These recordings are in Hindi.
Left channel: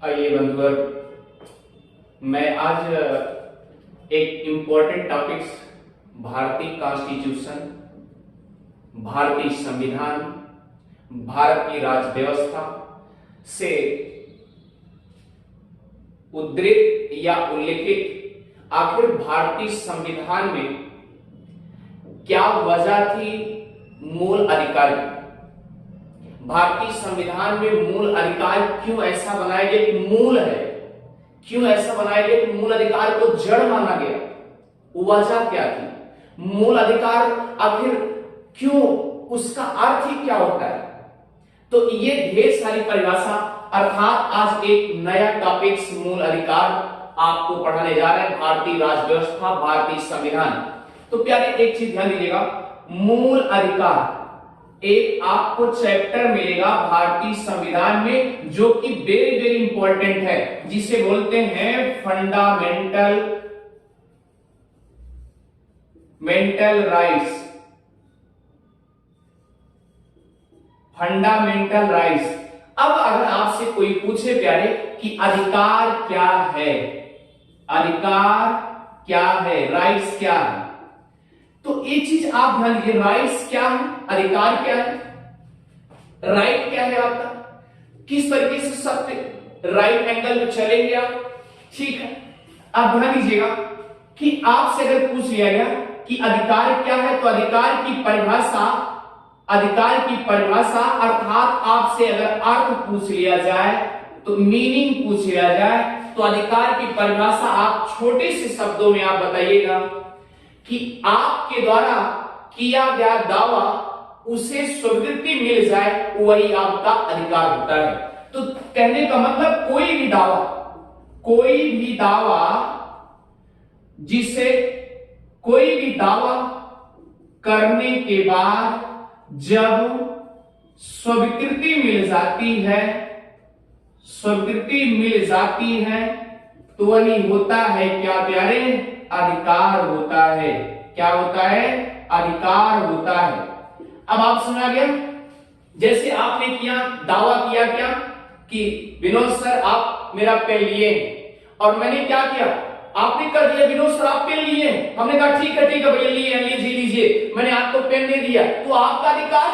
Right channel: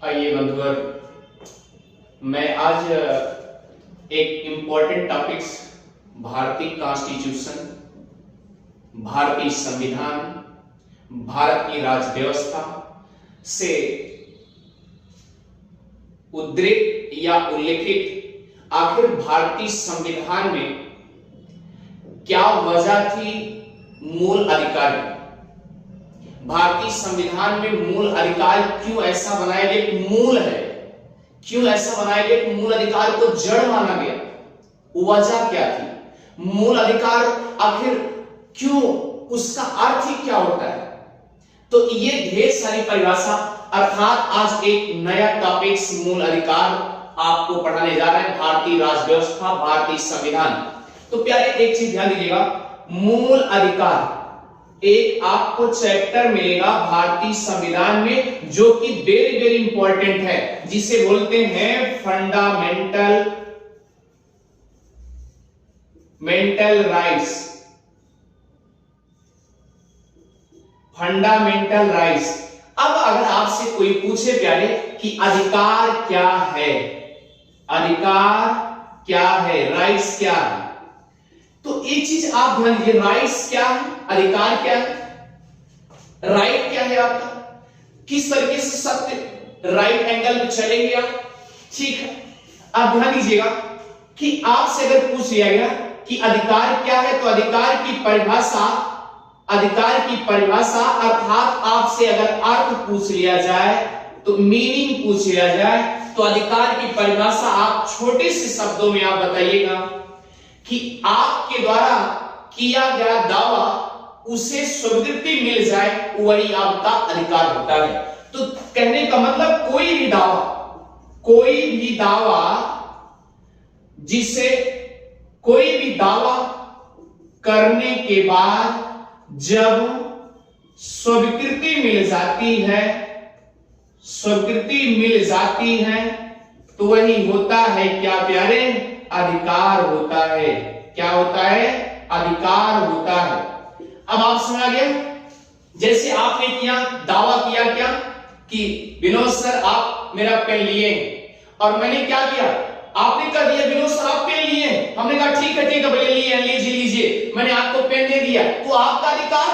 आइए बंधुवर, मैं आज एक इम्पोर्टेंट टॉपिक्स भारतीय कॉन्स्टिट्यूशन, भारतीय संविधान, भारत की राज व्यवस्था से उद्धृत या उल्लेखित आखिर भारतीय संविधान में क्या वजह थी मूल अधिकार की। भारतीय संविधान में मूल अधिकार क्यों ऐसा बनाया गया कि मूल है, क्यों ऐसा बनाया गया कि मूल अधिकार को जड़ माना गया, वजह क्या थी, मूल अधिकार आखिर क्यों, उसका अर्थ ही क्या होता है। तो ये ढेर सारी परिभाषा अर्थात आज एक नया टॉपिक्स मूल अधिकार आपको पढ़ाने जा रहे हैं, भारतीय राज व्यवस्था, भारतीय संविधान। तो प्यारे एक चीज ध्यान दीजिएगा, मूल अधिकार एक आपको चैप्टर मिलेगा भारतीय संविधान में जो कि वेरी वेरी इंपॉर्टेंट है, जिसे बोलते हैं फंडामेंटल राइट्स। Fundamental rights. अब अगर आपसे कोई पूछे प्यारे कि अधिकार क्या है, अधिकार क्या है, राइट्स क्या है, तो एक चीज आप ध्यान दीजिए, राइट्स क्या है, अधिकार क्या है, राइट क्या है आपका, किस तरीके से सत्य राइट एंगल में चलेंगे आप, ठीक है। आप ध्यान दीजिएगा कि आपसे अगर पूछ लिया गया कि अधिकार क्या है, तो अधिकार की परिभाषा अर्थात आपसे अगर अर्थ पूछ लिया जाए, तो मीनिंग पूछ लिया जाए, तो अधिकार की परिभाषा आप छोटे से शब्दों में आप बताइएगा कि आपके द्वारा किया गया दावा उसे स्वीकृति मिल जाए, वही आपका अधिकार होता है। तो कहने का मतलब कोई भी दावा करने के बाद जब स्वीकृति मिल जाती है तो वही होता है क्या प्यारे, अधिकार होता है। क्या होता है, अधिकार होता है। अब आप समझ आ गया, जैसे आपने दावा किया क्या कि विनोद सर आप मेरा पेन लिए, और मैंने क्या किया, आपने कह दिया विनोद सर आप पेन लिए, हमने कहा ठीक है भैया लिए, लीजिए, मैंने आपको पेन दे दिया, तो आपका अधिकार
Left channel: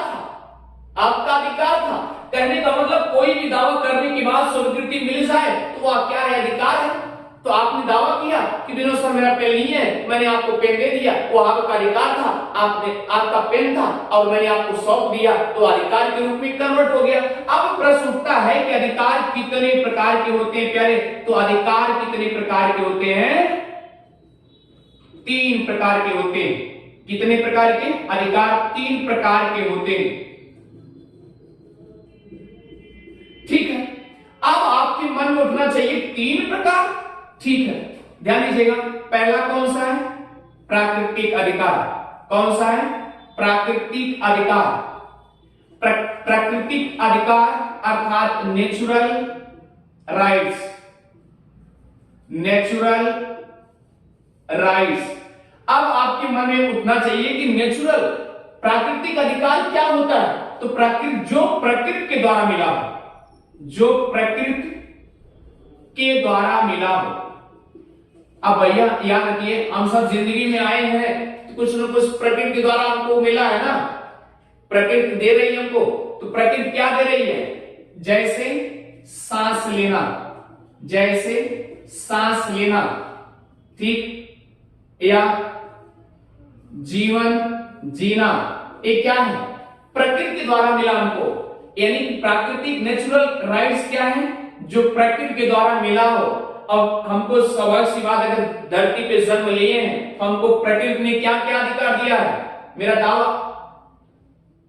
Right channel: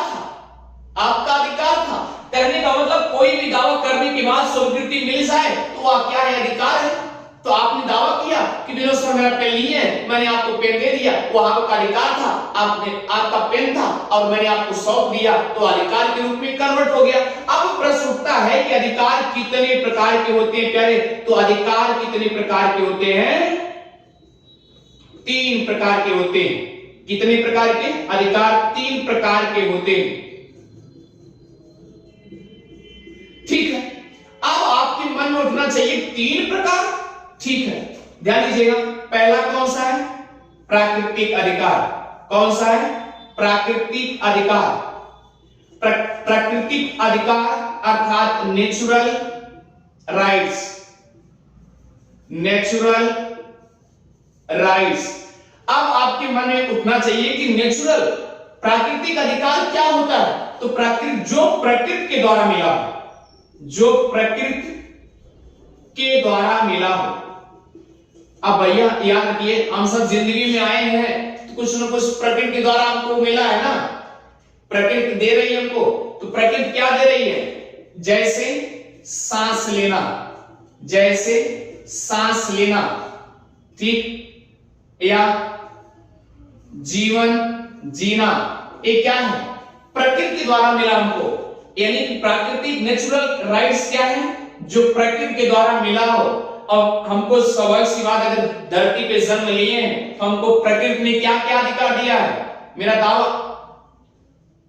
था। कहने का मतलब कोई भी दावा करने के बाद स्वीकृति मिल जाए तो वह क्या है, अधिकार है। तो आपने दावा किया कि विनोद सर मेरा पेन लिए, मैंने आपको पेन दे दिया, वो आपका अधिकार था, आपका पेन था और मैंने आपको सौंप दिया, तो अधिकार के रूप में कन्वर्ट हो गया। अब प्रश्न उठता है कि अधिकार कितने प्रकार के होते हैं प्यारे, तो अधिकार कितने प्रकार के होते हैं, 3 प्रकार के होते हैं। कितने प्रकार के अधिकार, 3 प्रकार के होते हैं, ठीक है। अब आपके मन में उठना चाहिए 3 प्रकार, ठीक है, ध्यान दीजिएगा। पहला कौन सा है, प्राकृतिक अधिकार। कौन सा है, प्राकृतिक अधिकार। प्राकृतिक अधिकार अर्थात नेचुरल राइट्स। अब आपके मन में उठना चाहिए कि नेचुरल प्राकृतिक अधिकार क्या होता है, तो जो प्रकृति के द्वारा मिला हो, जो प्रकृति के द्वारा मिला हो। अब भैया याद रखिए, हम सब जिंदगी में आए हैं तो कुछ न कुछ प्रकृति के द्वारा हमको मिला है ना, प्रकृति दे रही है हमको। तो प्रकृति क्या दे रही है, जैसे सांस लेना, ठीक, या जीवन जीना, ये क्या है, प्रकृति के द्वारा मिला हमको। यानी कि प्राकृतिक नेचुरल राइट्स क्या है, जो प्रकृति के द्वारा मिला हो। और हमको स्वाभाविक सी बात, अगर धरती पे जन्म लिए हैं, हमको प्रकृति ने क्या क्या अधिकार दिया है। मेरा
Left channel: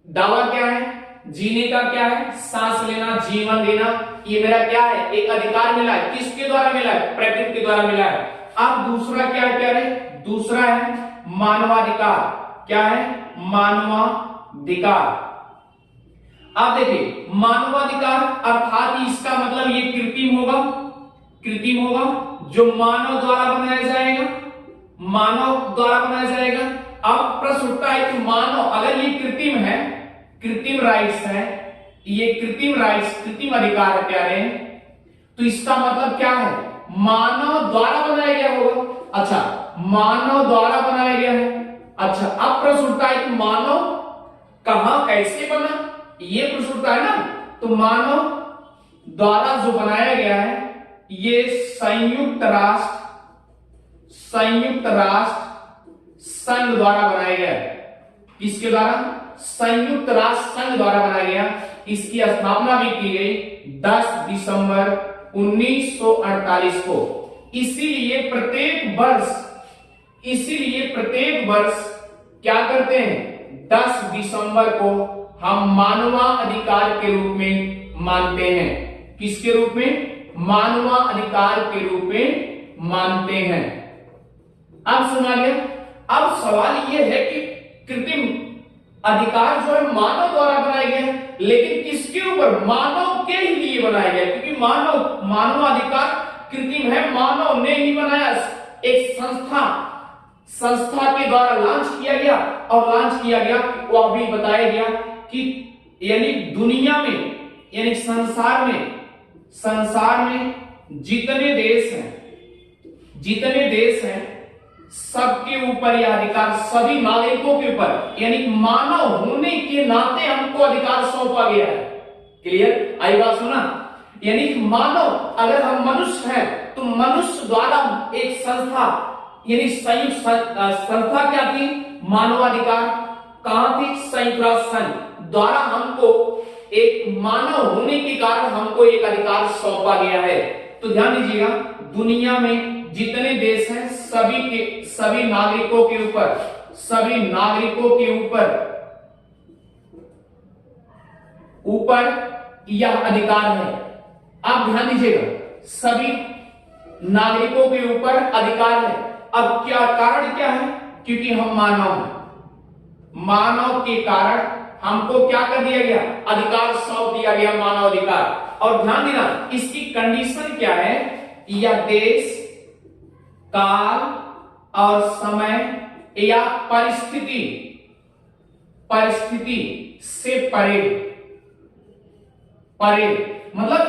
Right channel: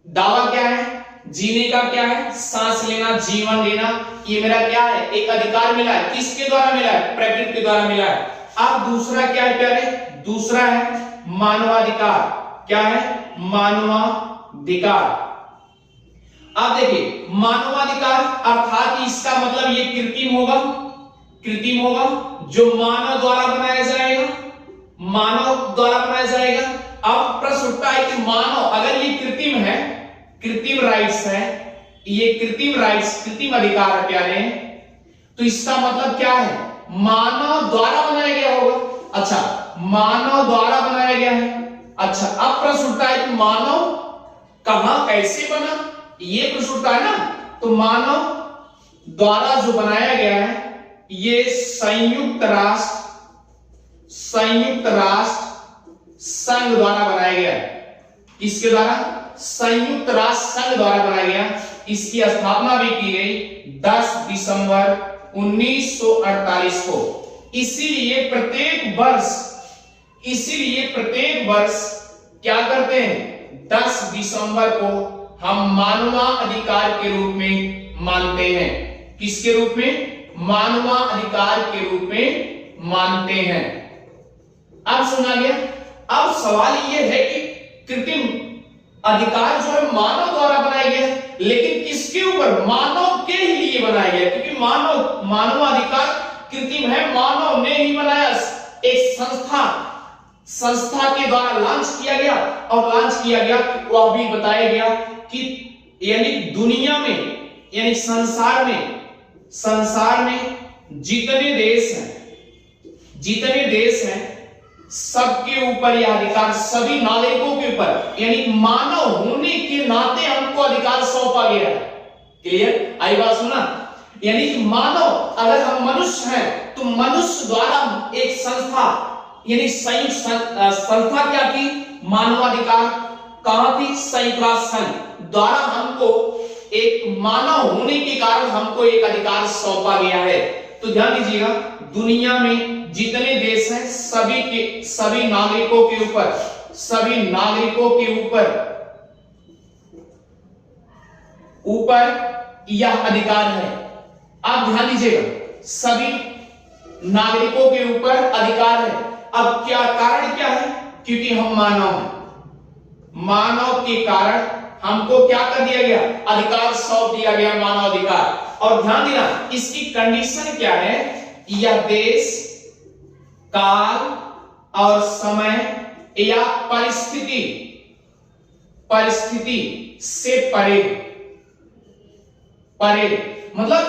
दावा क्या है, जीने का क्या है, सांस लेना, जीवन लेना, ये मेरा क्या है, एक अधिकार मिला है। किसके द्वारा मिला है, प्रकृति के द्वारा मिला है। अब दूसरा क्या है प्यारे, दूसरा है मानवाधिकार। क्या है, मानवाधिकार। आप देखिए, मानवाधिकार अर्थात इसका मतलब ये कृत्रिम होगा, जो मानव द्वारा बनाया जाएगा। अब प्रश्न उठता है कि मानव, अगर ये कृत्रिम है, कृत्रिम राइट्स है, ये कृत्रिम राइट्स, कृत्रिम अधिकार है प्यारे, तो इसका मतलब क्या है, मानव द्वारा बनाया गया होगा। अच्छा, मानव द्वारा बनाया गया है। अच्छा, अब प्रश्न उठता है कि मानव कहां कैसे बना, ये प्रश्न उठता है ना। तो मानव द्वारा जो बनाया गया है ये संयुक्त राष्ट्र संघ द्वारा बनाया गया है। किसके द्वारा? संयुक्त राष्ट्र संघ द्वारा बनाया गया। इसकी स्थापना भी की गई 10 दिसंबर 1948 को। इसीलिए प्रत्येक वर्ष क्या करते हैं, 10 दिसंबर को हम मानवाधिकार के रूप में मानते हैं। किसके रूप में? मानवाधिकार के रूप में मानते हैं। अब सुना गया। अब सवाल यह है कि कृत्रिम अधिकार जो है मानव द्वारा बनाया गया है, लेकिन किसके ऊपर? मानव के ही लिए बनाया गया, क्योंकि मानवाधिकार कृत्रिम है, मानव ने ही बनाया। एक संस्था के द्वारा लॉन्च किया गया, और लॉन्च किया गया वह भी बताया गया कि यानी दुनिया में, यानी संसार में जितने देश हैं सबके ऊपर यह अधिकार, सभी नागरिकों के ऊपर, यानी मानव होने के नाते हमको अधिकार सौंपा गया है। क्लियर? आई बात सुना? यानी मानव, अगर हम मनुष्य हैं तो मनुष्य द्वारा एक संस्था, यानी संयुक्त संस्था क्या थी? मानवाधिकार। कहां थी? संयुक्त राष्ट्र संघ द्वारा हमको एक मानव होने के कारण हमको एक अधिकार सौंपा गया है। तो ध्यान दीजिएगा, दुनिया में जितने देश हैं सभी नागरिकों के ऊपर यह अधिकार है। आप ध्यान दीजिएगा, सभी नागरिकों के ऊपर अधिकार है। अब क्या कारण क्या है? क्योंकि हम मानव हैं, मानव के कारण हमको क्या कर दिया गया? अधिकार सौंप दिया गया, मानवाधिकार। और ध्यान देना, इसकी कंडीशन क्या है? यह देश, काल और समय या परिस्थिति से परे। मतलब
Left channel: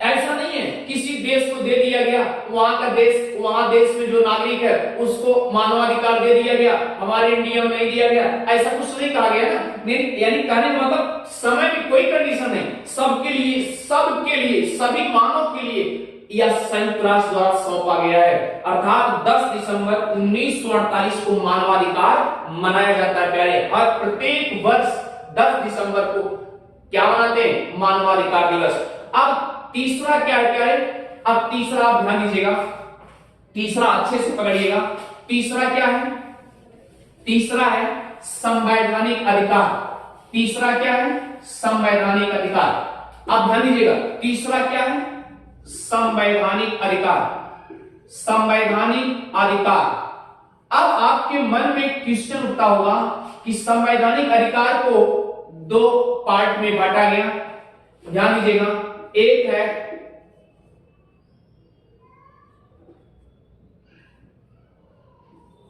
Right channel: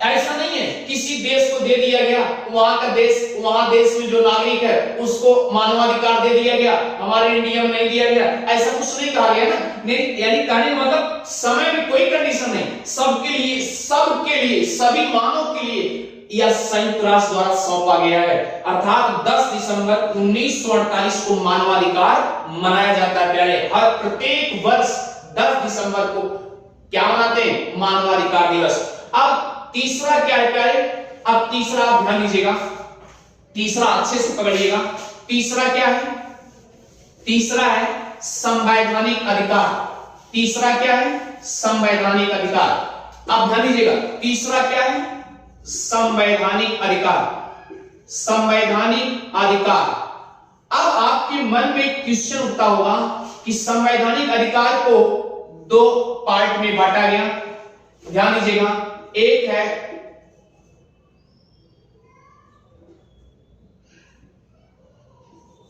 ऐसा नहीं है किसी देश को दे दिया गया, वहां देश में जो नागरिक है उसको मानवाधिकार दे दिया गया, हमारे इंडिया में नहीं दिया गया, ऐसा कुछ नहीं कहा गया ना। यानी कहने मतलब समय में कोई कंडीशन नहीं, सबके लिए सभी मानव के लिए यह संयुक्त राष्ट्र द्वारा सौंपा गया है। अर्थात 10 दिसंबर 1948 को मानवाधिकार मनाया जाता है प्यारे। हर प्रत्येक वर्ष 10 दिसंबर को क्या मनाते हैं? मानवाधिकार दिवस। अब तीसरा क्या है प्यारे? अब तीसरा आप ध्यान दीजिएगा, तीसरा अच्छे से पकड़िएगा। तीसरा क्या है? तीसरा है संवैधानिक अधिकार। तीसरा क्या है? संवैधानिक अधिकार। आप ध्यान दीजिएगा, तीसरा क्या है? संवैधानिक अधिकार। संवैधानिक अधिकार। अब आपके मन में क्वेश्चन उठता होगा कि संवैधानिक अधिकार को 2 पार्ट में बांटा गया। ध्यान दीजिएगा, एक है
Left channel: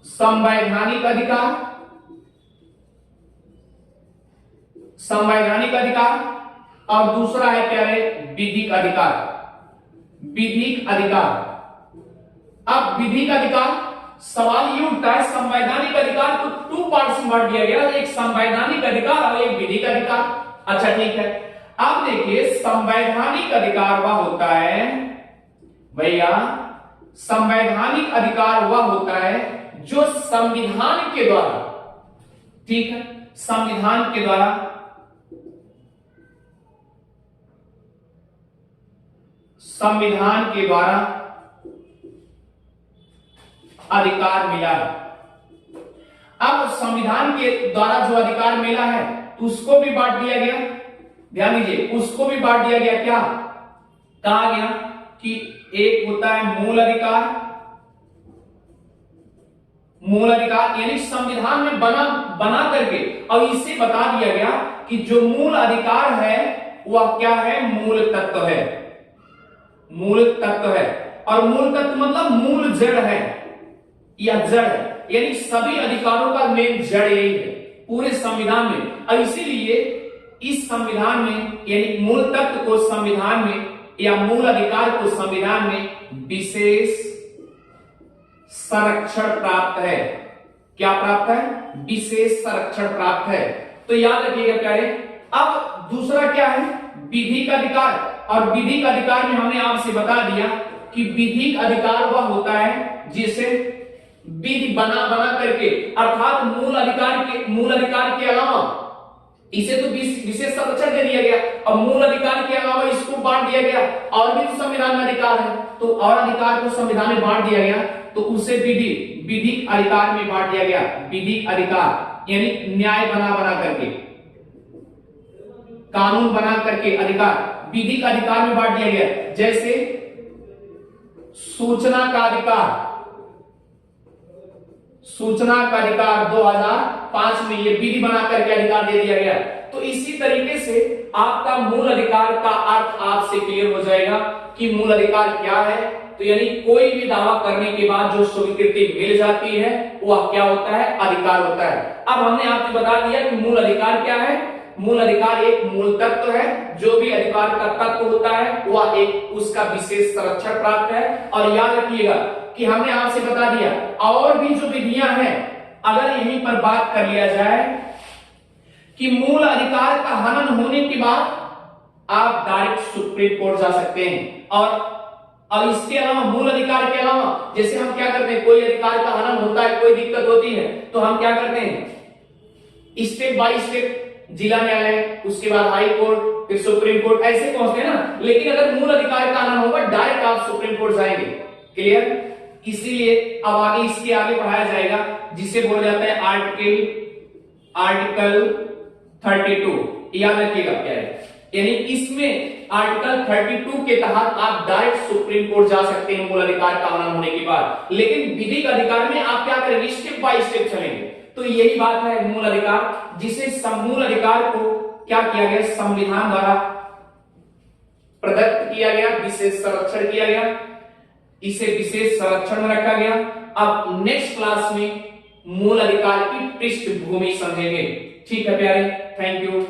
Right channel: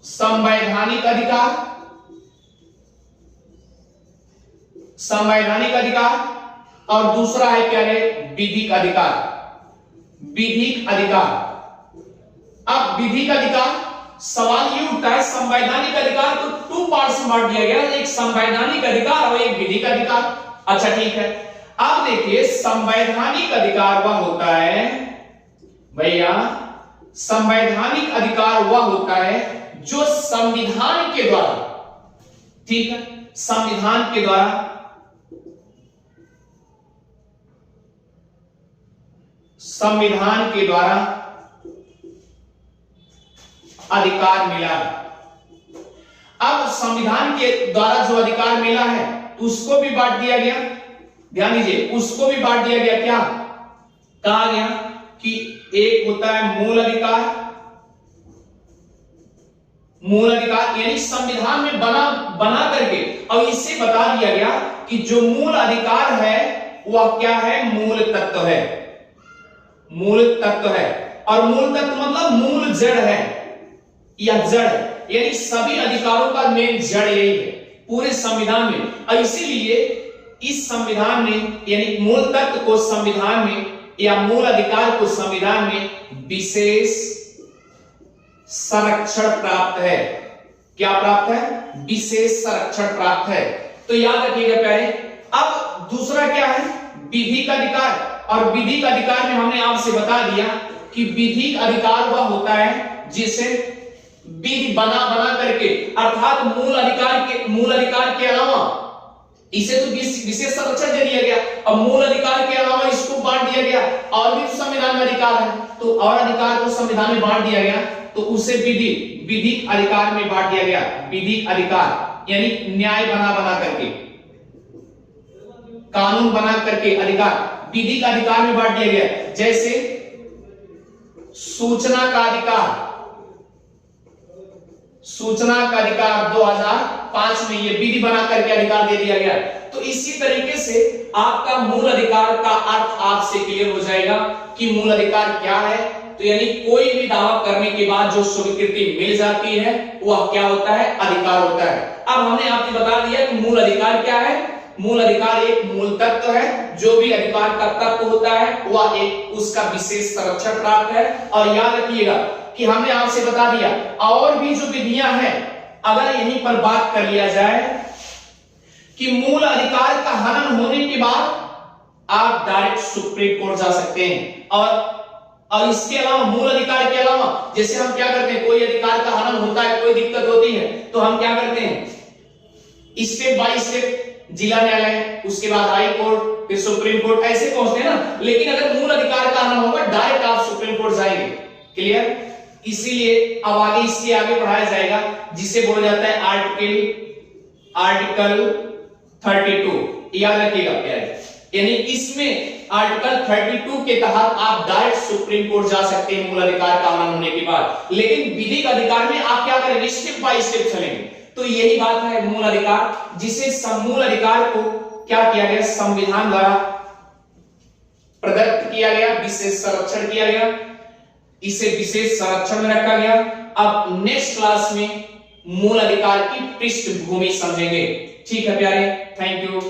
संवैधानिक अधिकार और दूसरा है क्या है? विधिक अधिकार। अब विधिक अधिकार, सवाल ये उठता है, संवैधानिक अधिकार को 2 पार्ट्स में बांट दिया गया, एक संवैधानिक अधिकार और एक विधिक अधिकार। अच्छा ठीक है, अब देखिए संवैधानिक अधिकार वह होता है भैया, संवैधानिक अधिकार वह होता है जो संविधान के द्वारा, ठीक है, संविधान के द्वारा अधिकार मिला है। अब संविधान के द्वारा जो अधिकार मिला है उसको भी बांट दिया गया। ध्यान दीजिए, उसको भी बांट दिया गया। क्या कहा गया कि एक होता है मूल अधिकार यानी संविधान में बना करके, और इसे बता दिया गया कि जो मूल अधिकार है वह क्या है? मूल तत्व है। और मूल तत्व मतलब मूल जड़ है या जड़ है, यानी सभी अधिकारों का मेन जड़ यही है पूरे संविधान में। और इसीलिए इस संविधान में, यानी मूल तत्व को संविधान में या मूल अधिकार को संविधान में विशेष संरक्षण प्राप्त है। क्या प्राप्त है? विशेष संरक्षण प्राप्त है। तो याद रखिएगा प्यारे। अब दूसरा क्या है? विधिक अधिकार। और विधिक अधिकार में हमने आपसे बता दिया कि विधिक अधिकार वह होता है जिसे विधि बना करके, अर्थात मूल अधिकार के अलावा इसे तो विशेष संरक्षण दे दिया गया, अब मूल अधिकार के अलावा इसको बांट दिया गया और भी संविधान में अधिकार है, तो और अधिकार को संविधान में बांट दिया गया, तो उसे विधिक अधिकार में बांट दिया गया। विधिक अधिकार यानी न्याय बना करके, कानून बना करके अधिकार विधिक अधिकार में बांट दिया गया। जैसे सूचना का अधिकार 2005 में ये विधि बना करके अधिकार दे दिया गया। तो इसी तरीके से आपका मूल अधिकार का अर्थ आपसे क्लियर हो जाएगा कि मूल अधिकार क्या है। तो यानी कोई भी दावा करने के बाद जो स्वीकृति मिल जाती है वह क्या होता है? अधिकार होता है। अब हमने आपको बता दिया कि मूल अधिकार क्या है। मूल अधिकार एक मूल तत्व है, जो भी अधिकार का तत्व होता है वह एक उसका विशेष संरक्षण प्राप्त है। और याद रखिएगा कि हमने आपसे बता दिया और भी जो विधियां हैं, अगर यहीं पर बात कर लिया जाए कि मूल अधिकार का हनन होने के बाद आप डायरेक्ट सुप्रीम कोर्ट जा सकते हैं। और इसके अलावा मूल अधिकार के अलावा जैसे हम क्या करते हैं, कोई अधिकार का हनन होता है, कोई दिक्कत होती है, तो हम क्या करते हैं, स्टेप बाय स्टेप जिला न्यायालय, उसके बाद हाई कोर्ट, फिर सुप्रीम कोर्ट, ऐसे पहुंचते हैं ना। लेकिन अगर मूल अधिकार का हनन होगा डायरेक्ट आप सुप्रीम कोर्ट जाएंगे। क्लियर? इसीलिए अब आगे इसके आगे पढ़ाया जाएगा जिसे बोला जाता है आर्टिकल 32। याद रखिएगा क्या है, यानी इसमें आर्टिकल 32 के तहत आप डायरेक्ट सुप्रीम कोर्ट जा सकते हैं मूल अधिकार का हनन होने के बाद। लेकिन विधिक अधिकार में आप क्या करेंगे? स्टेप बाय स्टेप चलेंगे। तो यही बात है मूल अधिकार, जिसे मूल अधिकार को क्या किया गया? संविधान द्वारा प्रदत्त किया गया, विशेष संरक्षण किया गया, इसे विशेष संरक्षण में रखा गया। अब नेक्स्ट क्लास में मूल अधिकार की पृष्ठभूमि समझेंगे। ठीक है प्यारे, थैंक यू।